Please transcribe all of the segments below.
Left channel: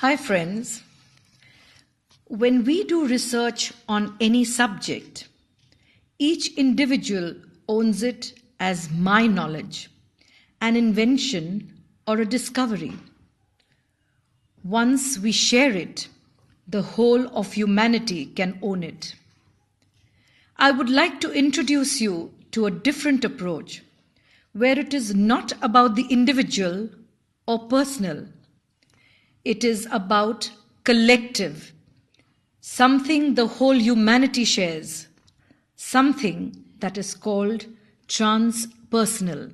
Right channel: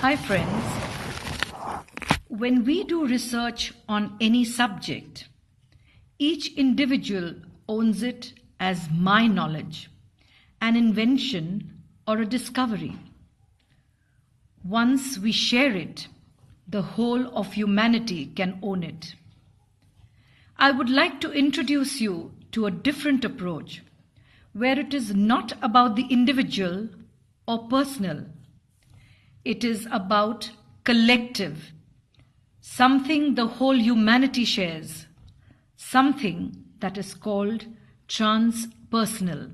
Hi friends, when we do research on any subject, each individual owns it as my knowledge, an invention or a discovery. Once we share it, the whole of humanity can own it. I would like to introduce you to a different approach where it is not about the individual or personal. It is about collective, something the whole humanity shares, something that is called transpersonal.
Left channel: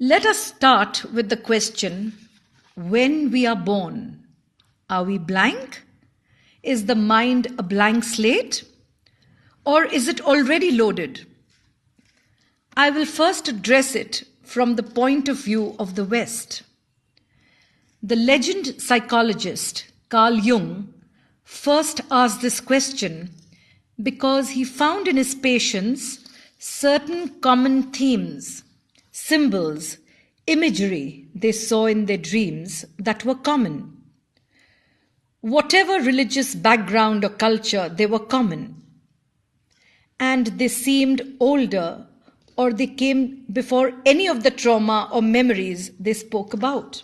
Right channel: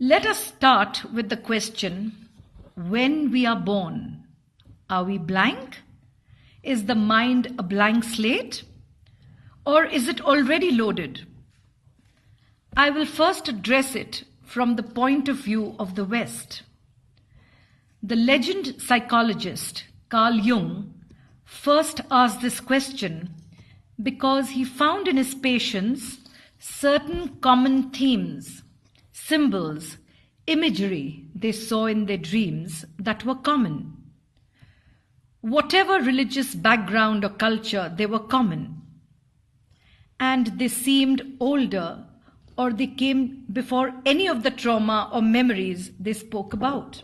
Let us start with the question, when we are born, are we blank? Is the mind a blank slate? Or is it already loaded? I will first address it from the point of view of the West. The legend psychologist Carl Jung first asked this question because he found in his patients certain common themes, symbols, imagery they saw in their dreams that were common. Whatever religious background or culture, they were common. And they seemed older, or they came before any of the trauma or memories they spoke about.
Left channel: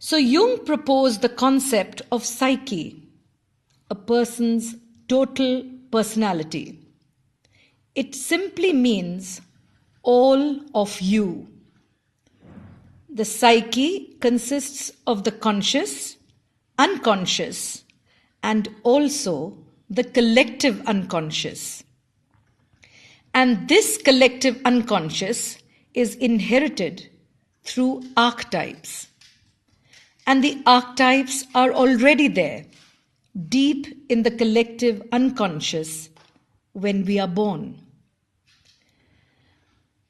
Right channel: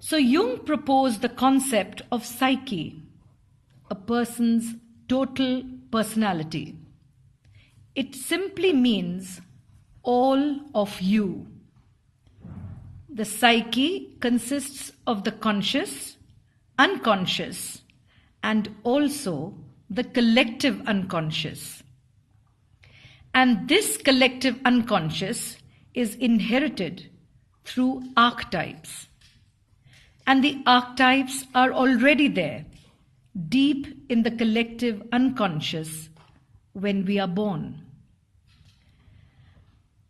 So Jung proposed the concept of psyche, a person's total personality. It simply means all of you. The psyche consists of the conscious, unconscious, and also the collective unconscious. And this collective unconscious is inherited through archetypes. And the archetypes are already there, deep in the collective unconscious when we are born.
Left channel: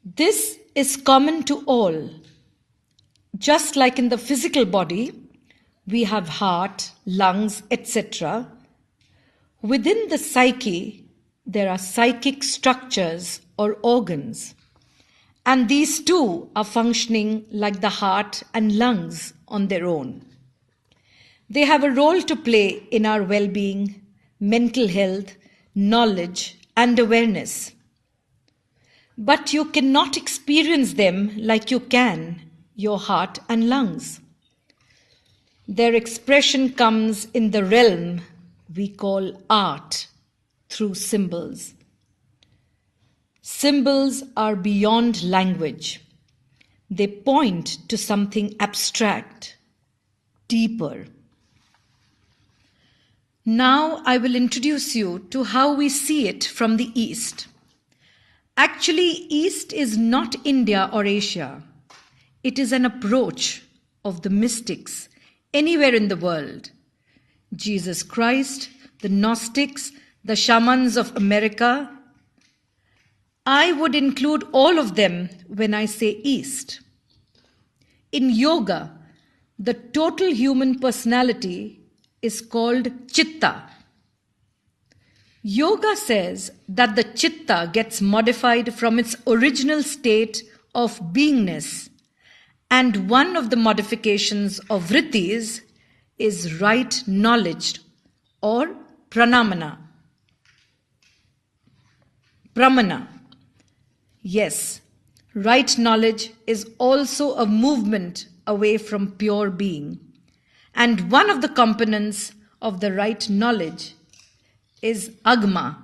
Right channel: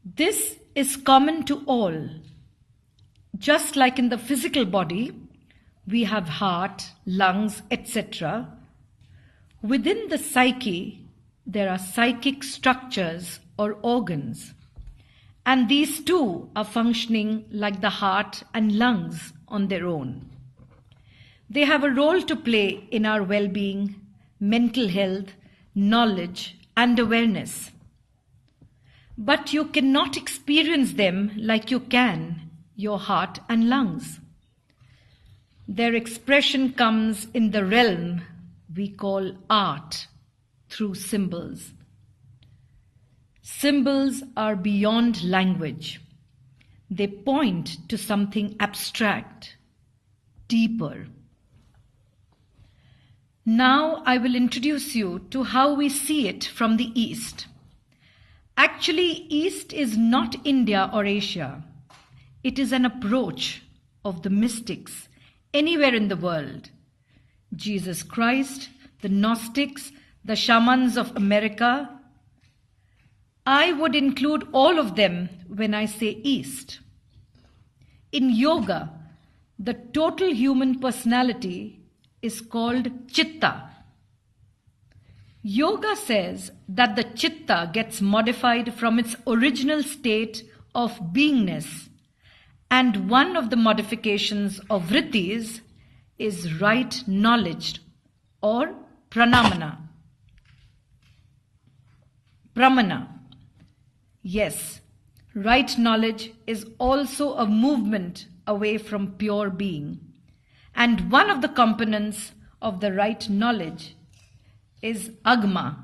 This is common to all. Just like in the physical body, we have heart, lungs, etc. Within the psyche, there are psychic structures or organs. And these too are functioning like the heart and lungs on their own. They have a role to play in our well-being, mental health, knowledge, and awareness. But you cannot experience them like you can your heart and lungs. Their expression comes in the realm we call art, through symbols. Symbols are beyond language. They point to something abstract, deeper. Now I will introduce you to how we see it from the East. Actually, East is not India or Asia. It is an approach of the mystics anywhere in the world. Jesus Christ, the Gnostics, the shamans of America. I would include all of them when I say East. In yoga, the total human personality is called Chitta. Yoga says that the Chitta gets modified from its original state of beingness, and one of the modifications of vrittis is right knowledge or pramana. Yes, right knowledge is also a movement away from pure being. And one of the components of the right knowledge is agma.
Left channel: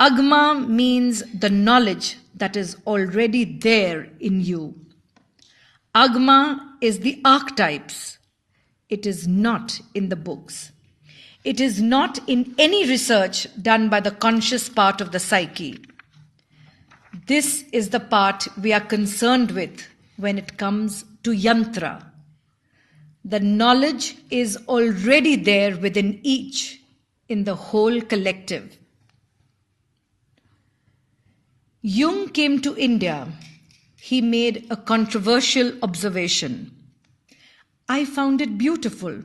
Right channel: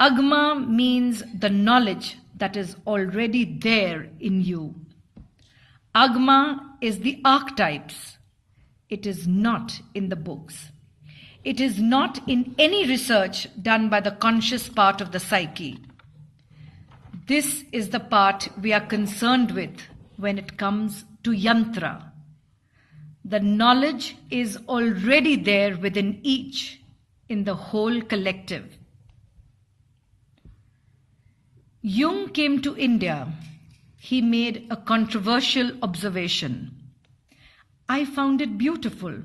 Agma means the knowledge that is already there in you. Agma is the archetypes. It is not in the books. It is not in any research done by the conscious part of the psyche. This is the part we are concerned with when it comes to Yantra. The knowledge is already there within each, in the whole collective. Jung came to India. He made a controversial observation. I found it beautiful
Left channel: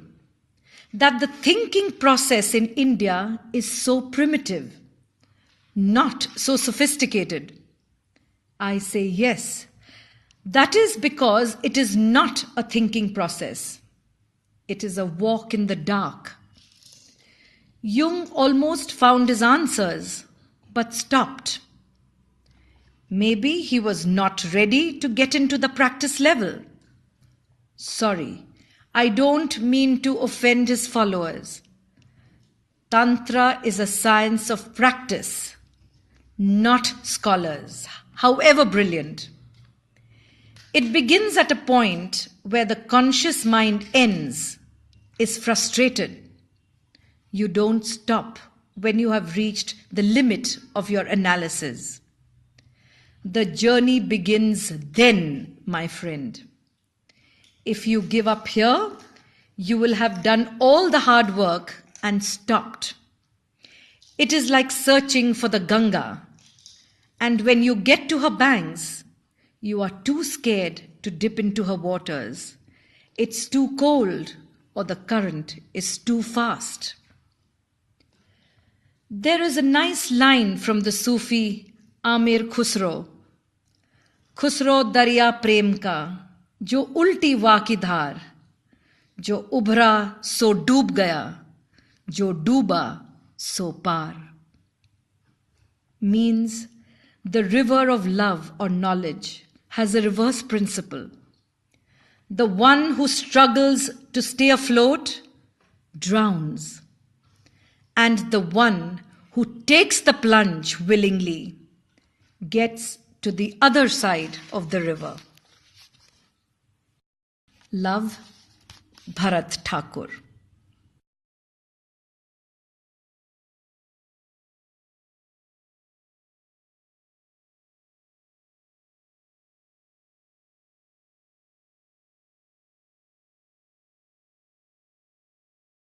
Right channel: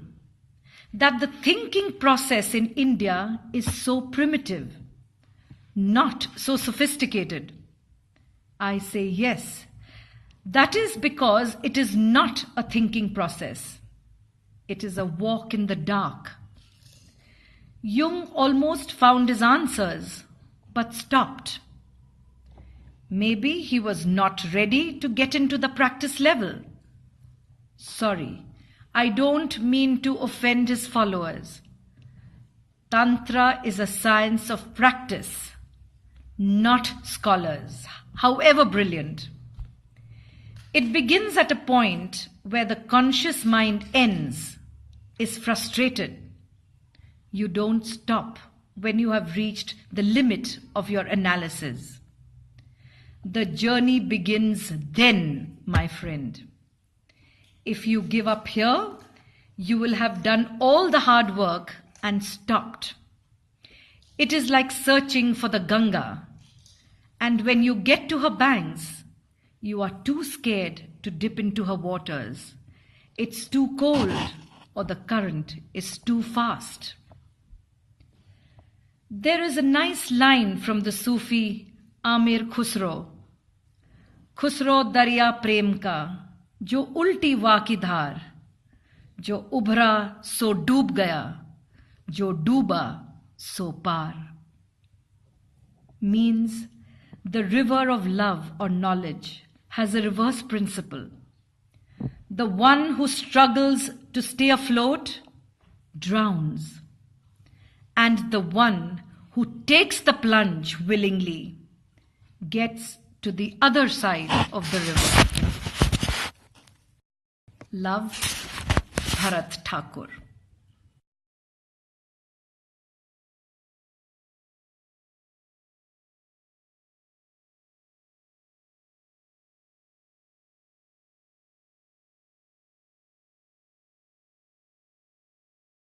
that the thinking process in India is so primitive, not so sophisticated. I say yes. That is because it is not a thinking process. It is a walk in the dark. Jung almost found his answers, but stopped. Maybe he was not ready to get into the practice level. Sorry, I don't mean to offend his followers. Tantra is a science of practice, not scholars, however brilliant. It begins at a point where the conscious mind ends, is frustrated. You don't stop when you have reached the limit of your analysis. The journey begins then, my friend. If you give up here, you will have done all the hard work and stopped. It is like searching for the Ganga, and when you get to her banks, you are too scared to dip into her waters. It's too cold, or the current is too fast. There is a nice line from the Sufi Amir Khusro. Khusro darya prem ka, jo ulti वा की धार, जो उभरा सो डूब गया, जो डूबा so par. Means the river of love or knowledge has a reverse principle. The one who struggles to stay afloat drowns, and the one who takes the plunge willingly gets to the other side of the river. Love, Bharat Thakur.